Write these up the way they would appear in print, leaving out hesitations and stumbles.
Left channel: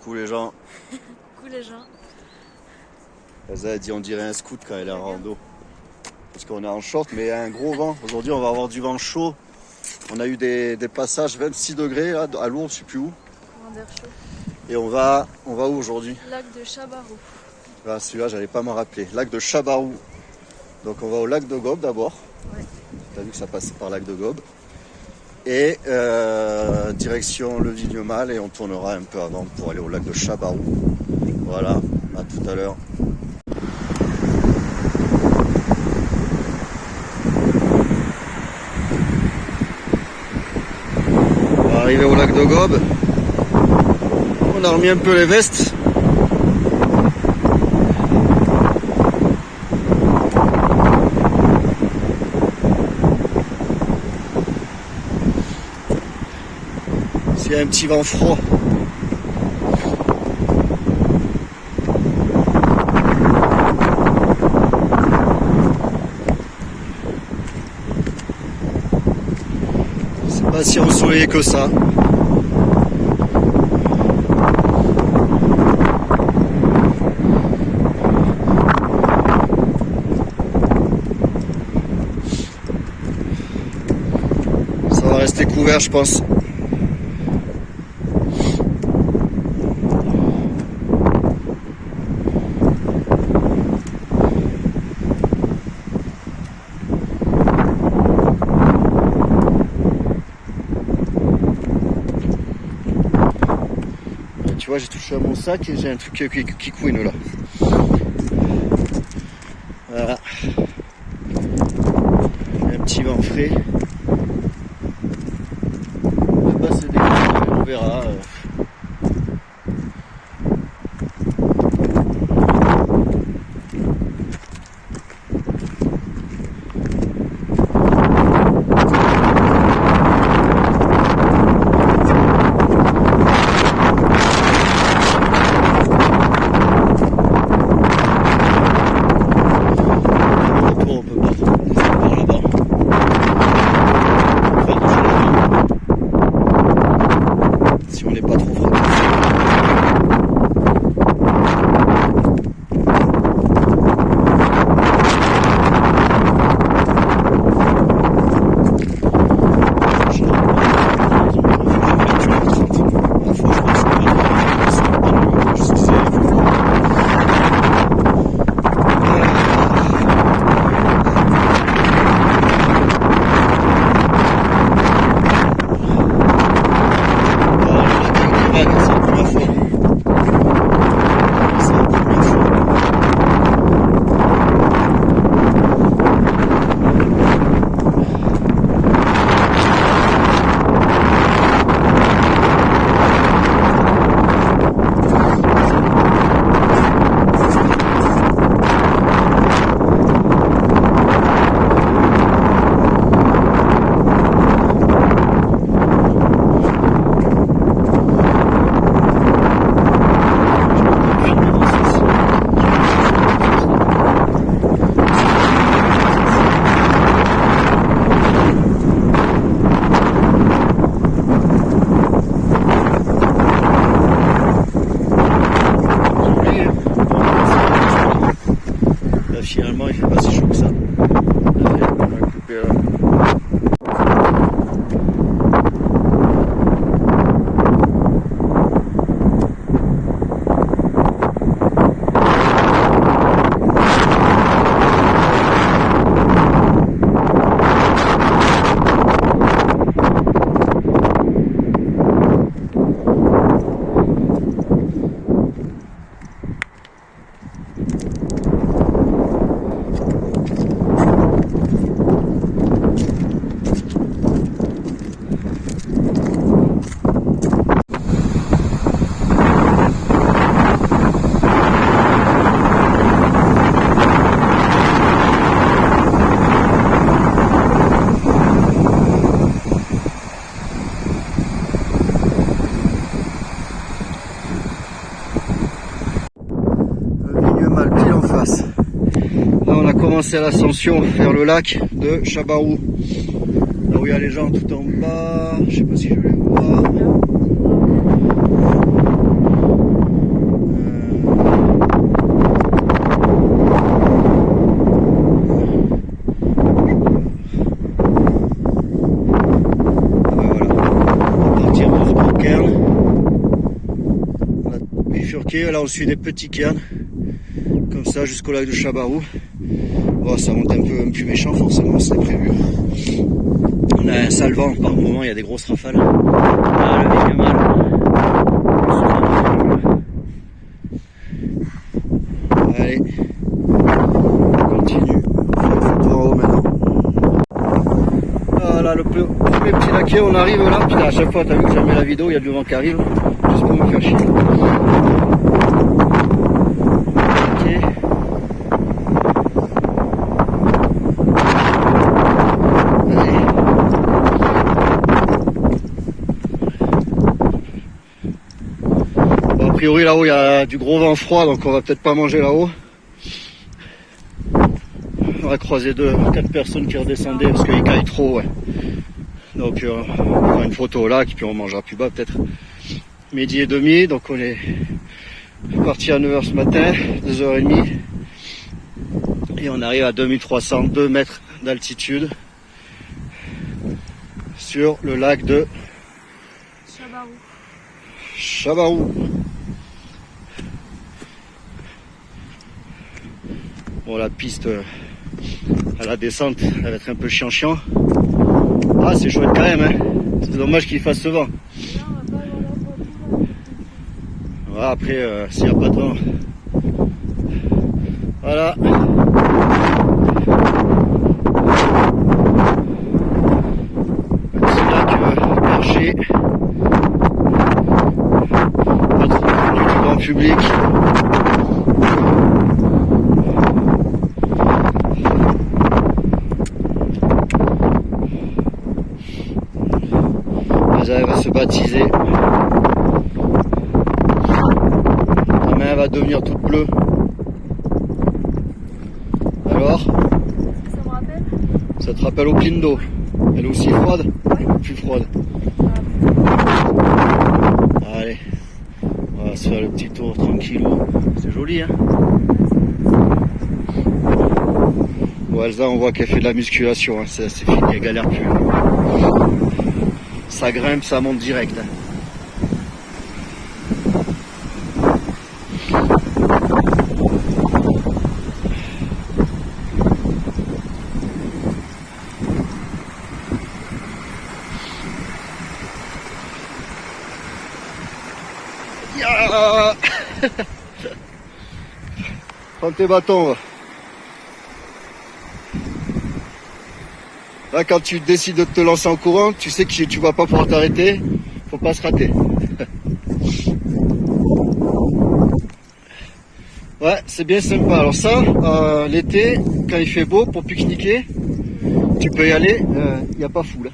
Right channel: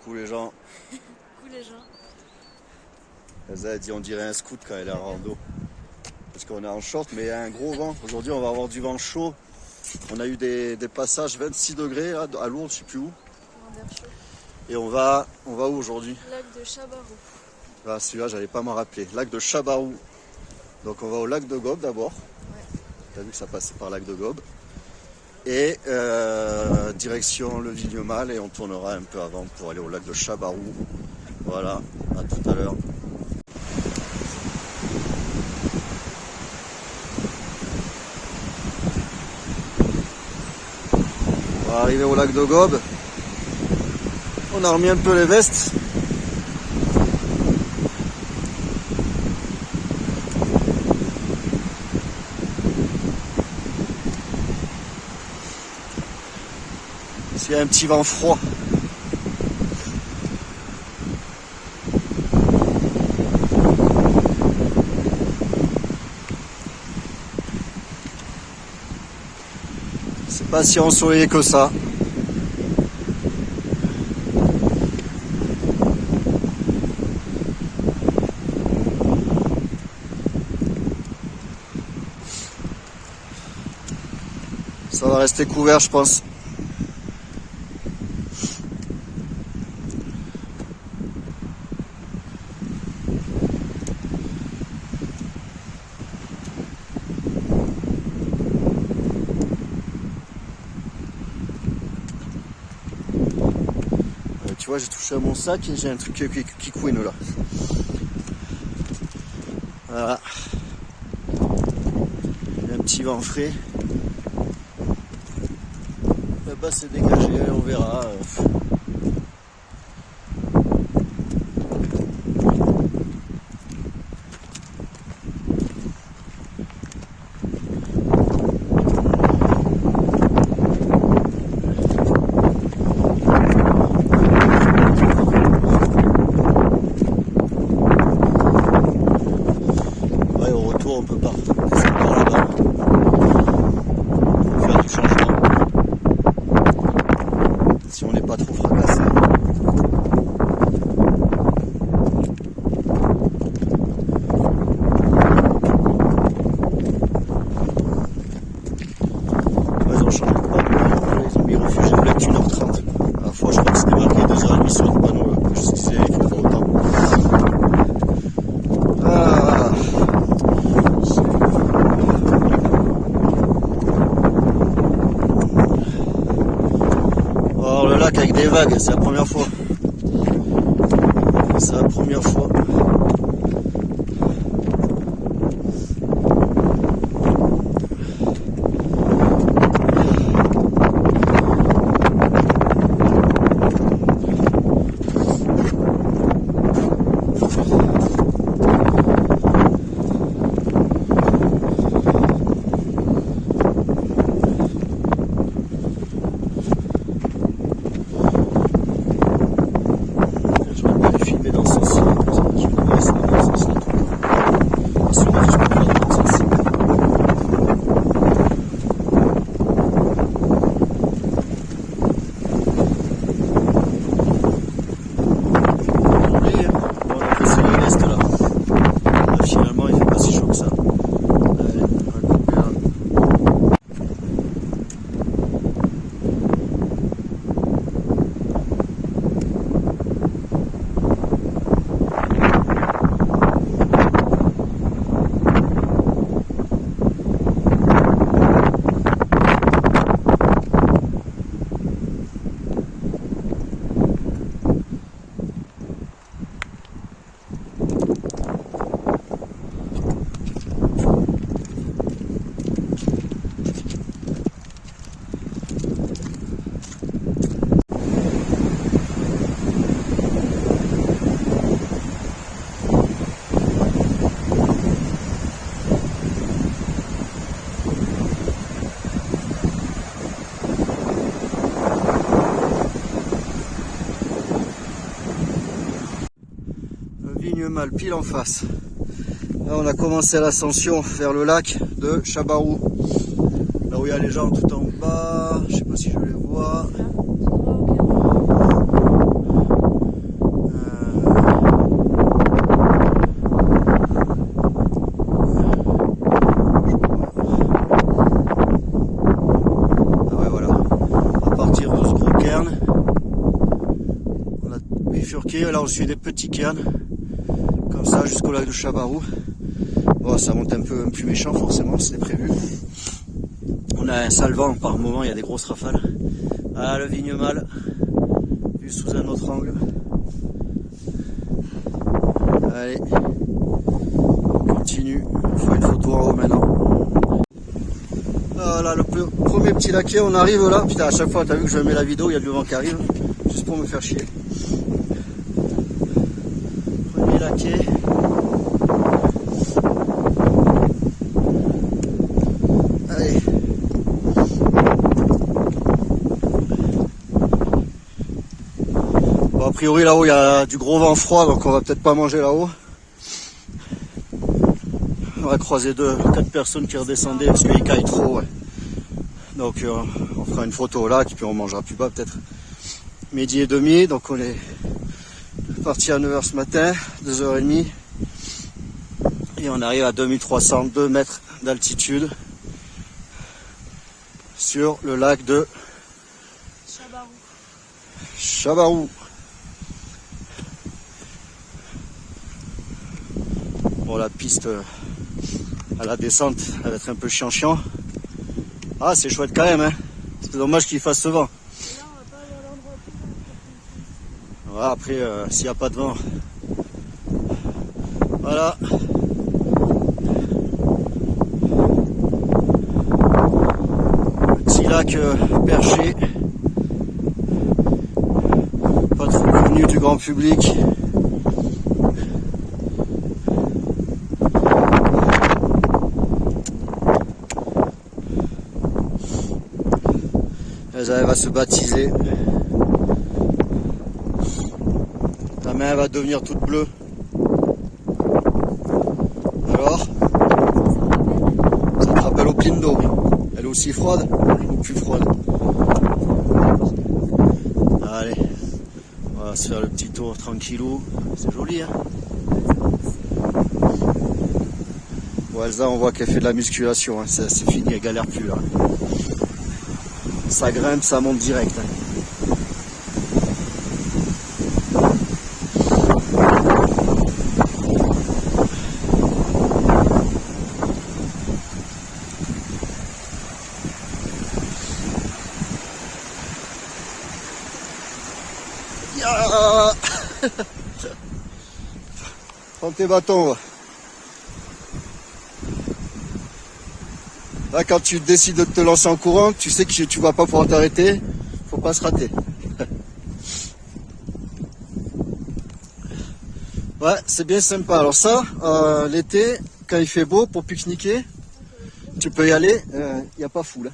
Coucou les gens. Coucou les gens. Elsa a dit on dirait un scout quand elle est en rando. Parce qu'on est en short mais il y a un gros vent. Aujourd'hui on va avoir du vent chaud. On a eu des passages 26 degrés là, à Lourdes, je sais plus où. Courant d'air chaud. Et on va où aujourd'hui? Lac de Chabarou. Ah, celui-là j'avais pas m'en rappeler. Lac de Chabarou. Donc on va au lac de Gobe d'abord. Ouais. T'as vu que ça passe par lac de Gobe. Et direction le Vignemal et on tournera un peu avant pour aller au lac de Chabarou. Voilà, à tout à l'heure. On va arriver au lac de Gobe. On a remis un peu les vestes. Il y a un petit vent froid. C'est pas si ensoleillé que ça. Ça va rester couvert, je pense. Tu vois, j'ai touché à mon sac et j'ai un truc qui couine là. Voilà. Un petit vent frais. On va passer des coups, on verra. Si on n'est pas trop froid. C'est la première fois. C'est la première fois. Finalement, il fait pas si chaud que ça. Vignemal pile en face. Là on a commencé l'ascension vers le lac de Chabarou. Là où il y a les gens tout en bas, je sais pas si je les vois. cairns. On a bifurqué, là on suit des petits cairns. Comme ça jusqu'au lac de Chabarou. Bon, ça monte un peu plus méchant forcément, c'est prévu. On a un sale vent par moment, il y a des grosses rafales. Ah, le Vignemal. Allez, on continue. On fait une photo en haut maintenant. Voilà, le premier petit laquais, on arrive là. Putain, à chaque fois, t'as vu que je mets la vidéo, il y a du vent qui arrive. Juste pour me faire chier. Laquais. Allez. Bon, a priori, là-haut, il y a du gros vent froid, donc on va peut-être pas manger là-haut. On va croiser 4 personnes qui redescendaient parce qu'il caille trop, ouais. Donc on fera une photo au lac, puis on mangera plus bas peut-être. Midi et demi, donc on est parti à 9h ce matin, 2h30. Et on arrive à 2302 mètres d'altitude sur le lac de Chabarou. Bon, la piste à la descente, elle va être un peu chiant. Ah, c'est chouette quand même, hein. C'est dommage qu'il fasse ce vent. Voilà, après, s'il n'y a pas de vent. Voilà. Petit lac perché. Pas trop connu du grand public. Elle va se baptiser. La main va devenir toute bleue. Alors, ça te rappelle au Pindo. Elle est aussi froide? Plus froide. Allez, on va se faire le petit tour tranquillou. C'est joli, hein? Bon, Elsa, on voit qu'elle fait de la musculation, hein. C'est fini, elle galère plus. Hein. Ça grimpe, ça monte direct. Yeah. Prends tes bâtons. Là, quand tu décides de te lancer en courant, tu sais que tu vas pas pouvoir t'arrêter. Faut pas se rater. Ouais, c'est bien sympa. Alors ça, l'été, quand il fait beau, pour pique-niquer, tu peux y aller. Il n'y a pas foule.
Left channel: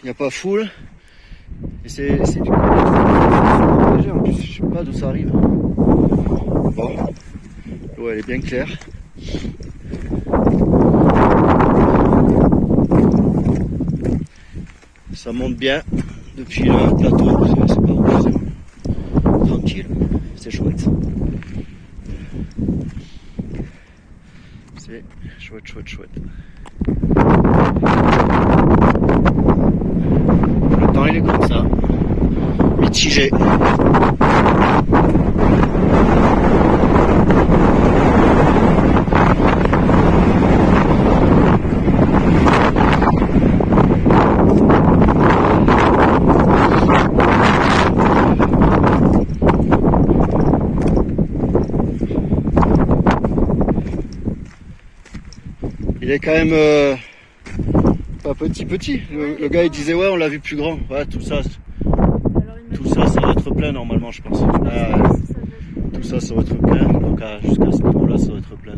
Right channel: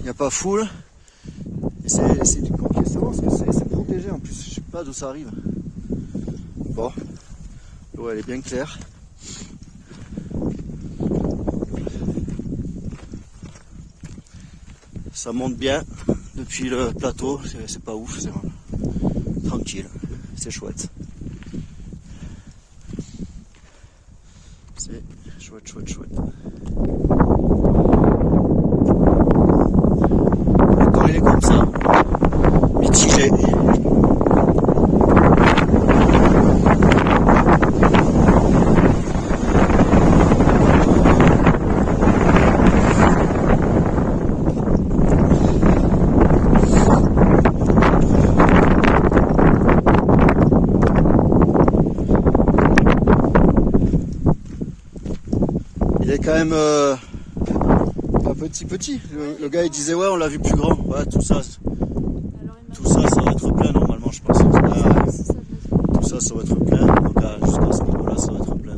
Il n'y a pas foule. Et c'est du coup, léger en plus. Je sais pas d'où ça arrive. Bon, l'eau elle est bien claire. Ça monte bien depuis le plateau, c'est pas ouf, c'est tranquille, c'est chouette. C'est chouette. Le temps il est comme ça, mitigé. Il est quand même pas petit. Le gars il disait ouais on l'a vu plus grand. Ouais, tout ça ça va être plein normalement je pense. Tout ça va être plein. Donc jusqu'à ce niveau là ça va être plein.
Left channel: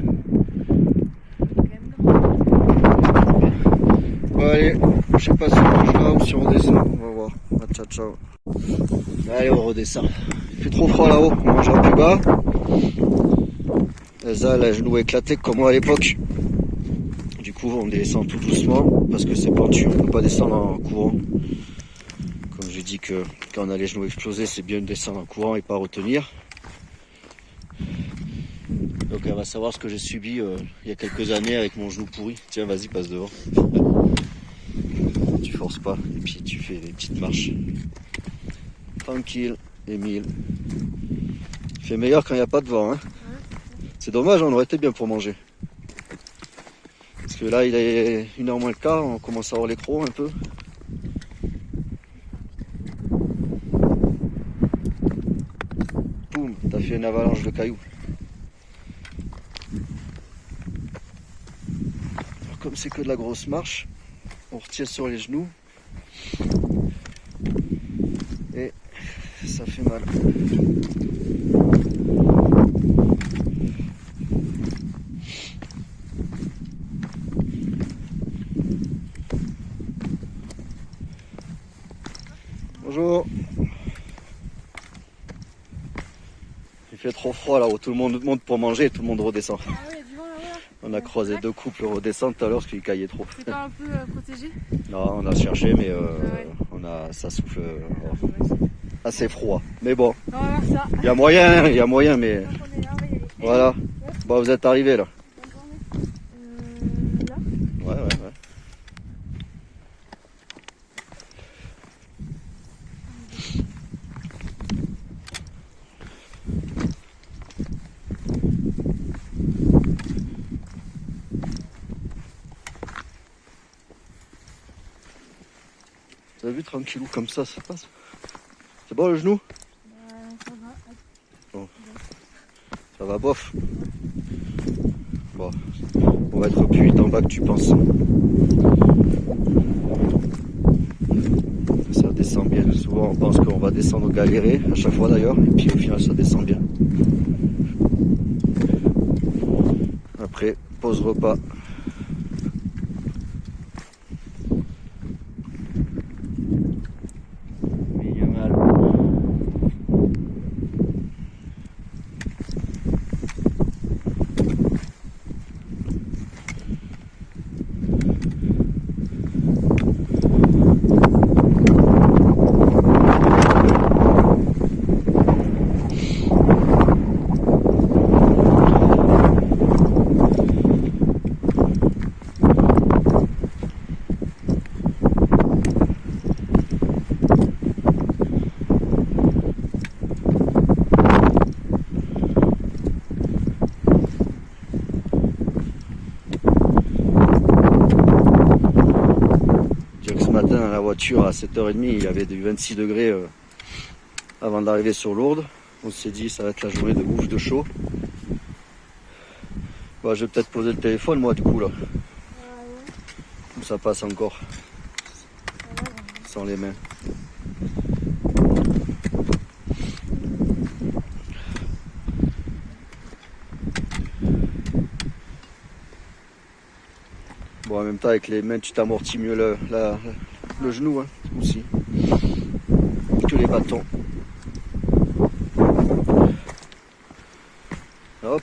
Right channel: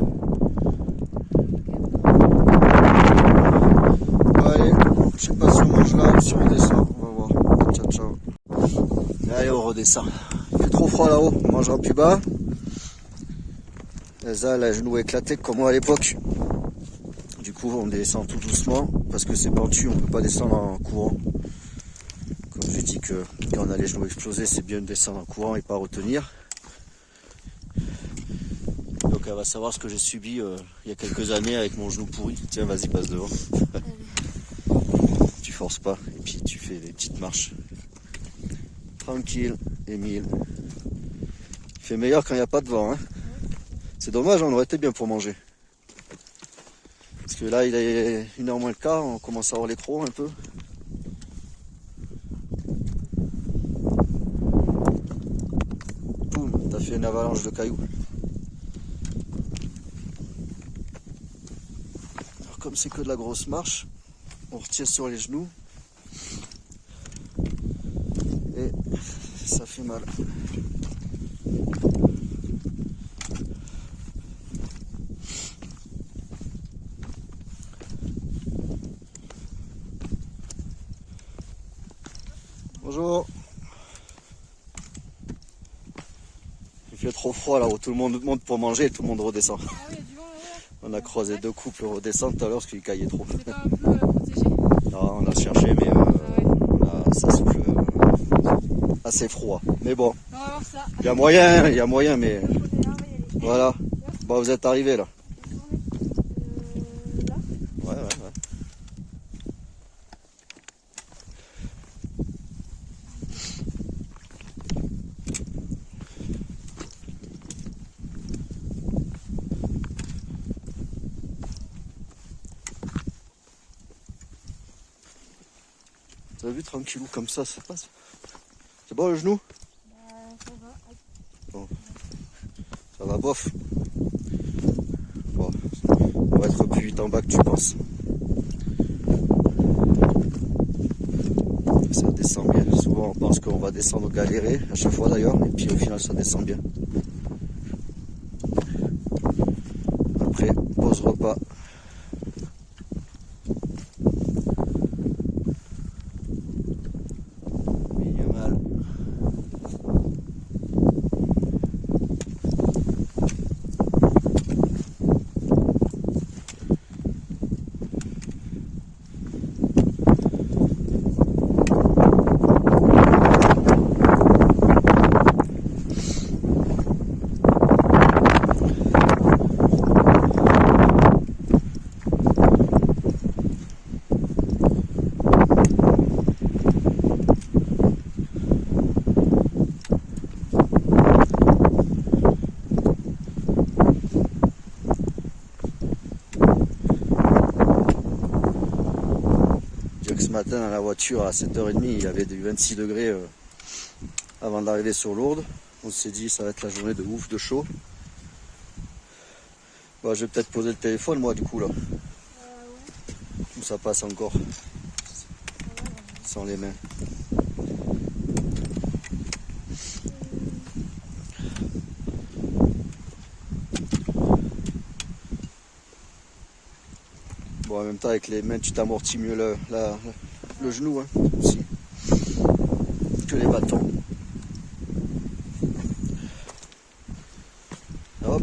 Bon, allez, je sais pas si on mange là ou si on descend. On va voir. Ciao. Allez on redescend. Il fait trop froid là-haut, on mangera plus bas. Elsa elle a les genoux éclatés comme moi à l'époque. Du coup on descend tout doucement parce que c'est pentu, on ne peut pas descendre en courant. Comme j'ai dit que quand on a les genoux explosés, c'est bien de descendre en courant et pas retenir. Donc elle va savoir ce que j'ai subi il y a quelques années avec mon genou pourri. Tiens vas-y passe devant. Tu forces pas et puis tu fais des petites marches. Tranquille, Émile. Il fait meilleur quand il n'y a pas de vent. Hein. C'est dommage, on aurait été bien pour manger. Parce que là, il est 1h moins le quart, on commence à avoir les crocs un peu. Boum, t'as fait une avalanche de cailloux. Alors, comme c'est que de la grosse marche, on retient sur les genoux. Et ça fait mal. Bonjour. Il fait trop froid là où tout le monde monte pour manger et tout le monde redescend. Ah oui, du vent là-haut. On a croisé 2 couples redescendre tout à l'heure parce qu'il caillait trop. C'est pas un peu protégé? Non, on a cherché mais ça souffle assez froid. Mais bon, On va voir ça. il y a moyen mais voilà. Bon, vous êtes arrivés là. Là. Ouais. Vous avez vu, tranquillou comme ça passe. C'est bon le genou? Ça va. Bon. Ça va bof. Bon, on va être plus vite en bas que tu penses. Ça descend bien. Souvent on pense qu'on va descendre galérer, à chaque fois d'ailleurs, et puis au final ça descend bien. Après, pause repas. Minimal. Ce matin dans la voiture à 7h30 il y avait du 26 degrés avant d'arriver sur Lourdes. On s'est dit ça va être la journée de ouf de chaud. Bah, je vais peut-être poser le téléphone moi du coup là. Tout ça passe encore. Sans les mains. Bon, en même temps, avec les mains, tu t'amortis mieux le genou, hein, aussi, que les bâtons. Hop,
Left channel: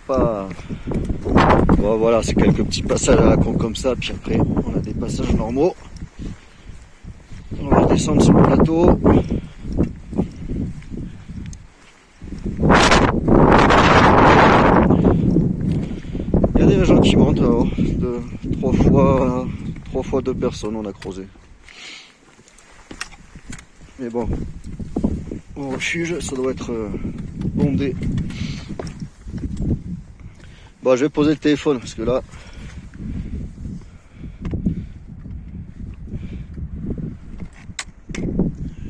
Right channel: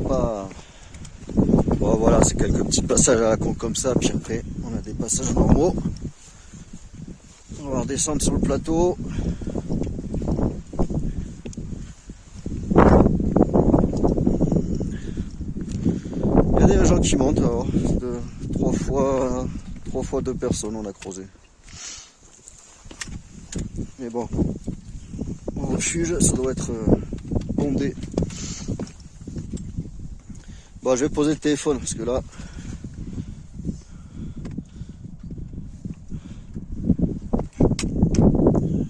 bon, voilà, c'est quelques petits passages à la con comme ça, puis après, on a des passages normaux. On va redescendre sur le plateau. Il y a des gens qui montent, alors, trois fois 2 personnes on a creusé. Mais bon, au refuge, ça doit être bondé. Bon, je vais poser le téléphone parce que là,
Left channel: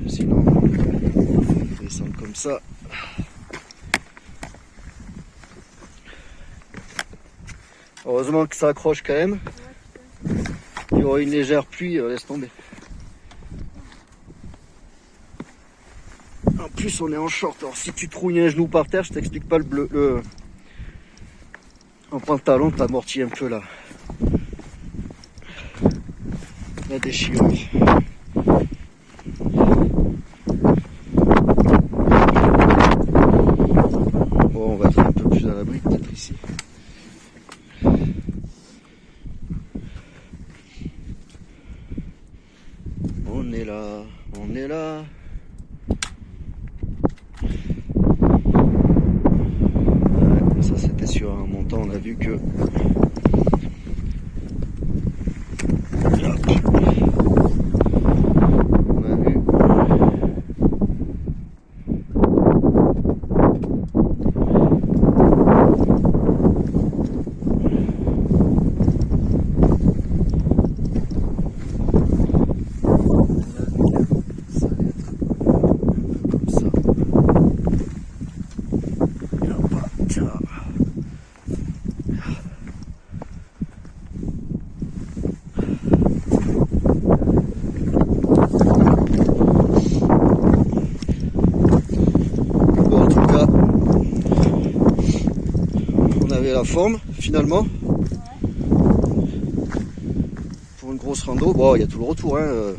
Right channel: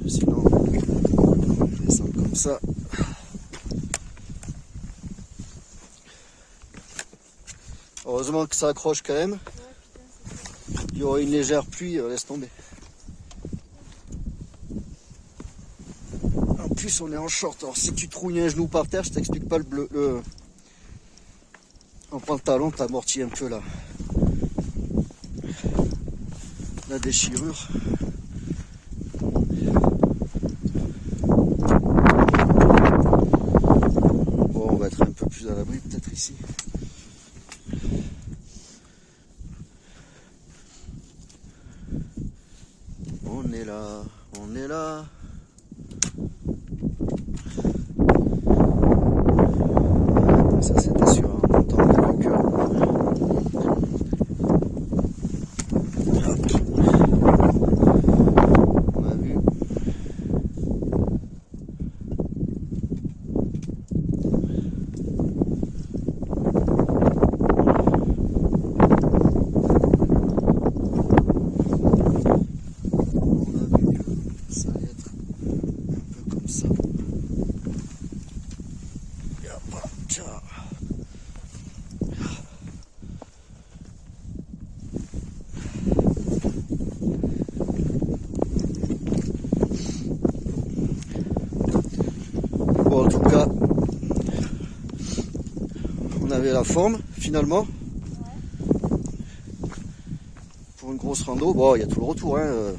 sinon, je vais descendre comme ça. Heureusement que ça accroche quand même. Il y aura une légère pluie, laisse tomber. En plus, on est en short. Alors, si tu trouilles un genou par terre, je t'explique pas en pantalon, t'amortis un peu la déchirure. Bon, on va être un peu plus à l'abri, peut-être ici. On est là, on est là. Ça c'était sur un montant, on a vu que... Hop. la forme finalement. Pour une grosse rando, bon, il y a tout le retour. Hein.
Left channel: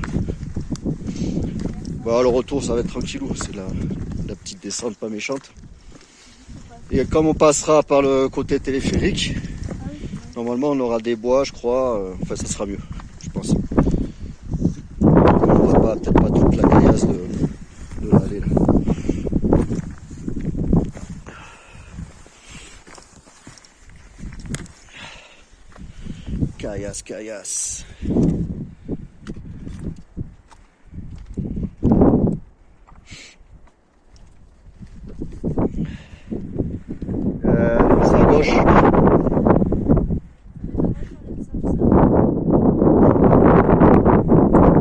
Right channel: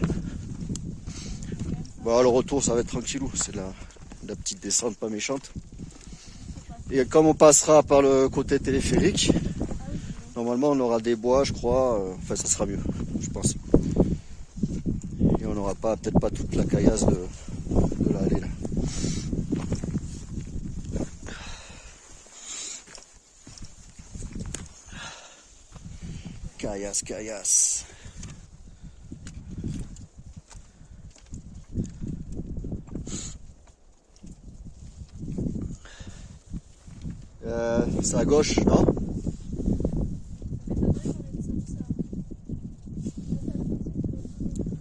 Bon, le retour, ça va être tranquillou. C'est la petite descente pas méchante. Et comme on passera par le côté téléphérique, normalement on aura des bois, je crois. Enfin, ça sera mieux, je pense. On n'aura peut-être pas toute la caillasse de l'allée là. Caillasse. C'est à gauche.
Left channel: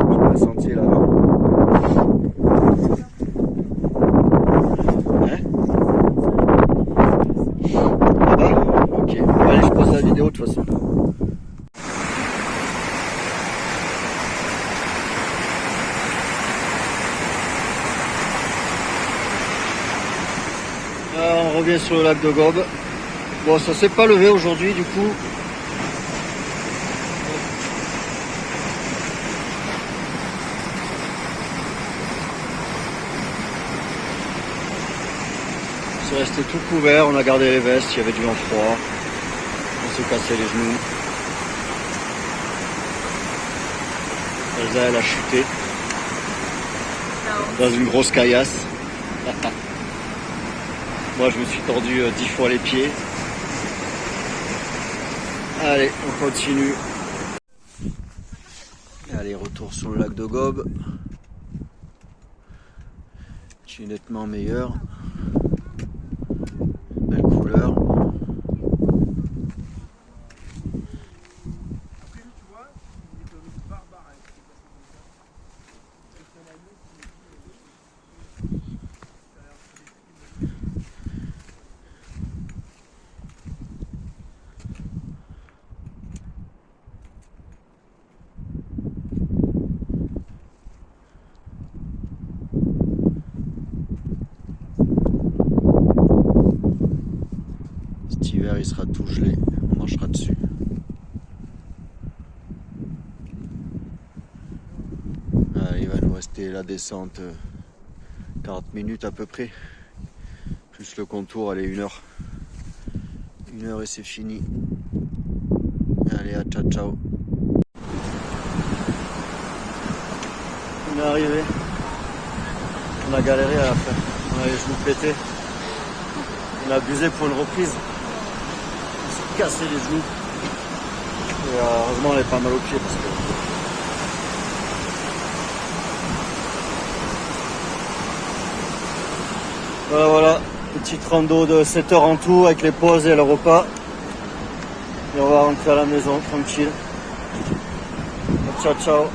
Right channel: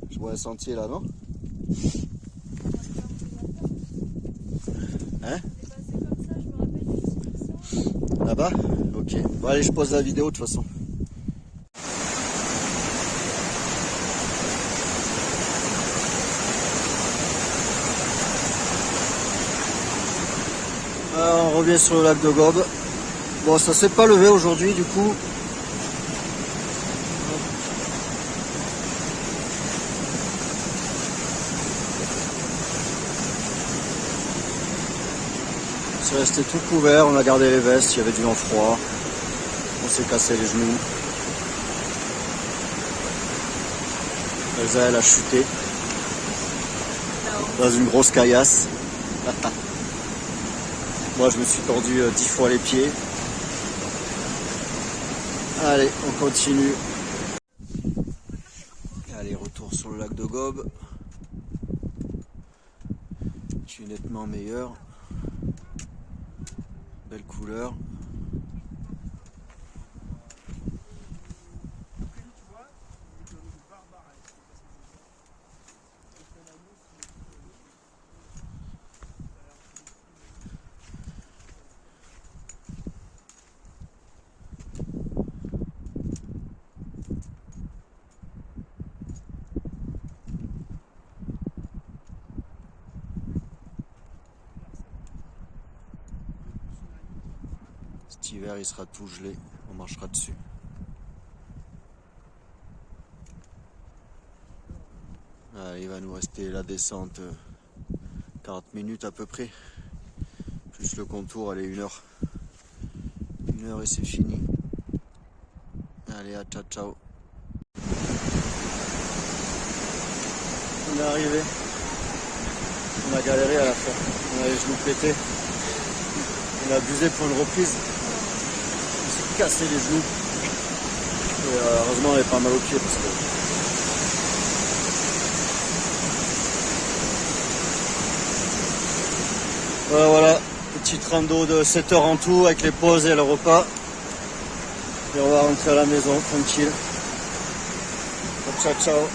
Je vois un sentier là, non? Hein? Là-bas? Ok. Allez, je pose la vidéo de toute façon. Alors, on revient sur le lac de Gobe. Bon, ça s'est pas levé aujourd'hui du coup. C'est resté tout couvert, on a gardé les vestes, il y avait du vent froid. On s'est cassé les genoux. Elsa, elle a chuté dans une grosse caillasse. Moi je me suis tordu 10 fois les pieds. Allez, on continue. Allez, retour sur le lac de Gobe. Je suis nettement meilleur. Belle couleur. Cet hiver il sera tout gelé, on marchera dessus. Allez, il va nous rester la descente 40 minutes à peu près. Plus le contour, allez, 1 heure. 1 heure et c'est fini. Allez, à ciao. On est arrivé. On a galéré à la fin. On a les genoux pétés. On a abusé pour une reprise. On s'est cassé les genoux. Et heureusement on avait pas mal aux pieds parce que. Voilà, petite rando de 7 heures en tout avec les pauses et le repas. Et on va rentrer à la maison tranquille. Ciao.